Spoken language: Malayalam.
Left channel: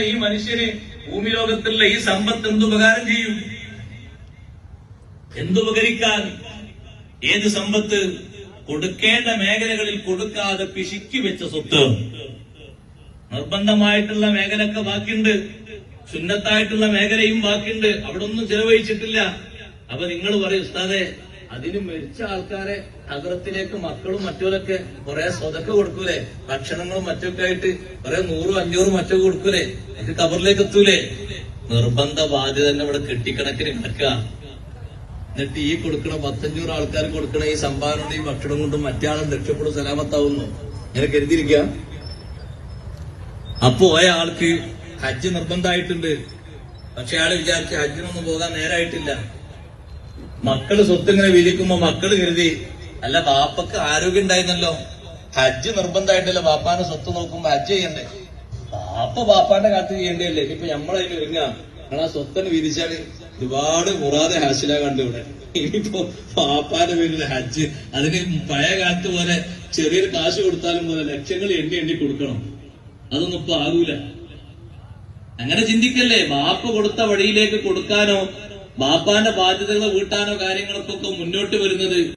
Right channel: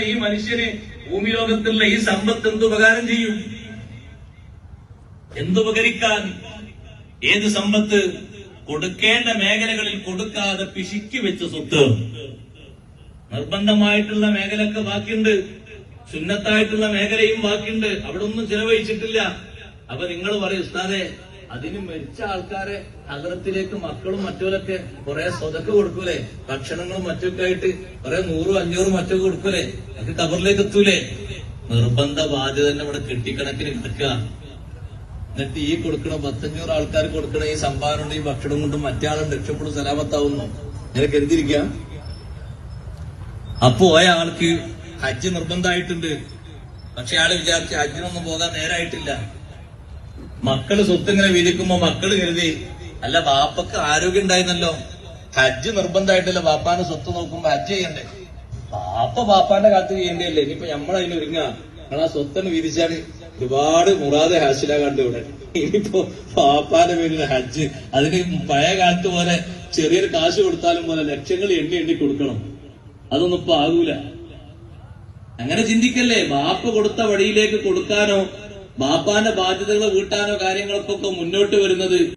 ഈ മനുഷ്യന് ഭൂമി ലോകത്തുള്ള ഈ സമ്പത്ത് എന്തുപകാരം ചെയ്യും? എന്തുപകരിക്കാൻ ഏത് സമ്പത്ത്? കൊടുക്കേണ്ട മേഖലകളിൽ കൊടുക്കാതെ പിശുക്കി വെച്ച സ്വത്ത്. നിർബന്ധമായിട്ടുള്ള മേഖലയൊക്കെ ബാക്കിയുണ്ട്. സുന്നത്തായിട്ടുള്ള മേഖലയും ബാക്കിയുണ്ട്. അവിടെ ഒന്നും ചിലവഴിച്ചിട്ടില്ല. അപ്പൊ നിങ്ങൾ പറയും ഉസ്താദെ അതിന് മരിച്ച ആൾക്കാരെ നഗരത്തിലേക്ക് മക്കളും മറ്റുമൊക്കെ കുറെ സ്വതക്ക കൊടുക്കൂലേ? ഭക്ഷണങ്ങളും മറ്റൊക്കെ ആയിട്ട് കുറെ നൂറും അഞ്ഞൂറും മറ്റൊക്കെ കൊടുക്കൂലേ? അത് കബറിലേക്ക് എത്തൂലേ? നിർബന്ധ ബാധ്യത തന്നെ ഇവിടെ കെട്ടിക്കണക്കിന് ഉണ്ടാക്കുക. എന്നിട്ട് ഈ കൊടുക്കണ പത്തഞ്ഞൂറ് ആൾക്കാർ കൊടുക്കണ ഈ സംഭാവന ഈ ഭക്ഷണം കൊണ്ട് മറ്റേ രക്ഷപ്പെടും സലാമത്താവുന്നു. ഞാൻ കരുതിയിരിക്കാം അപ്പോ ആൾക്ക് ഹജ്ജ് നിർബന്ധമായിട്ടുണ്ട്. പക്ഷെ ആൾ വിചാരിച്ച് ഹജ്ജിനൊന്നും പോകാൻ നേരായിട്ടില്ല. മക്കൾ സ്വത്തിങ്ങനെ വിരിക്കുമ്പോ മക്കൾ കരുതി അല്ല വാപ്പക്ക് ആരോഗ്യം ഉണ്ടായിരുന്നല്ലോ. ഹജ്ജ് നിർബന്ധമായിട്ടല്ലോ വാപ്പാന്റെ സ്വത്ത് നോക്കുമ്പോ ഹജ്ജ് ചെയ്യണ്ടേ? വാപ്പ വാപ്പാന്റെ കാലത്ത് ചെയ്യേണ്ടല്ലേ ഇപ്പൊ നമ്മളതിൽ വരിക നമ്മളാ സ്വത്തന് വിരിച്ചാൽ ഒരുപാട് മുറാതെ ഹാസിലാകാണ്ട് ഇവിടെ. ഇനിയിപ്പോ വാപ്പാന്റെ പേരിലെ ഹജ്ജ്. അതിന് പഴയ കാലത്ത് പോലെ ചെറിയൊരു കാശ് കൊടുത്താലും പോലെ ലക്ഷങ്ങൾ എണ്ണി എണ്ണി കൊടുക്കണം. അതൊന്നും ഇപ്പൊ ആകൂല അങ്ങനെ ചിന്തിക്കല്ലേ? ബാപ്പ് കൊടുത്ത വഴിയിലേക്ക് കൊടുക്കാനോ ബാപ്പാന്റെ ബാധ്യതകൾ വീട്ടാനോ കാര്യങ്ങൾക്കൊക്കെ മുന്നോട്ട് വരുന്നത്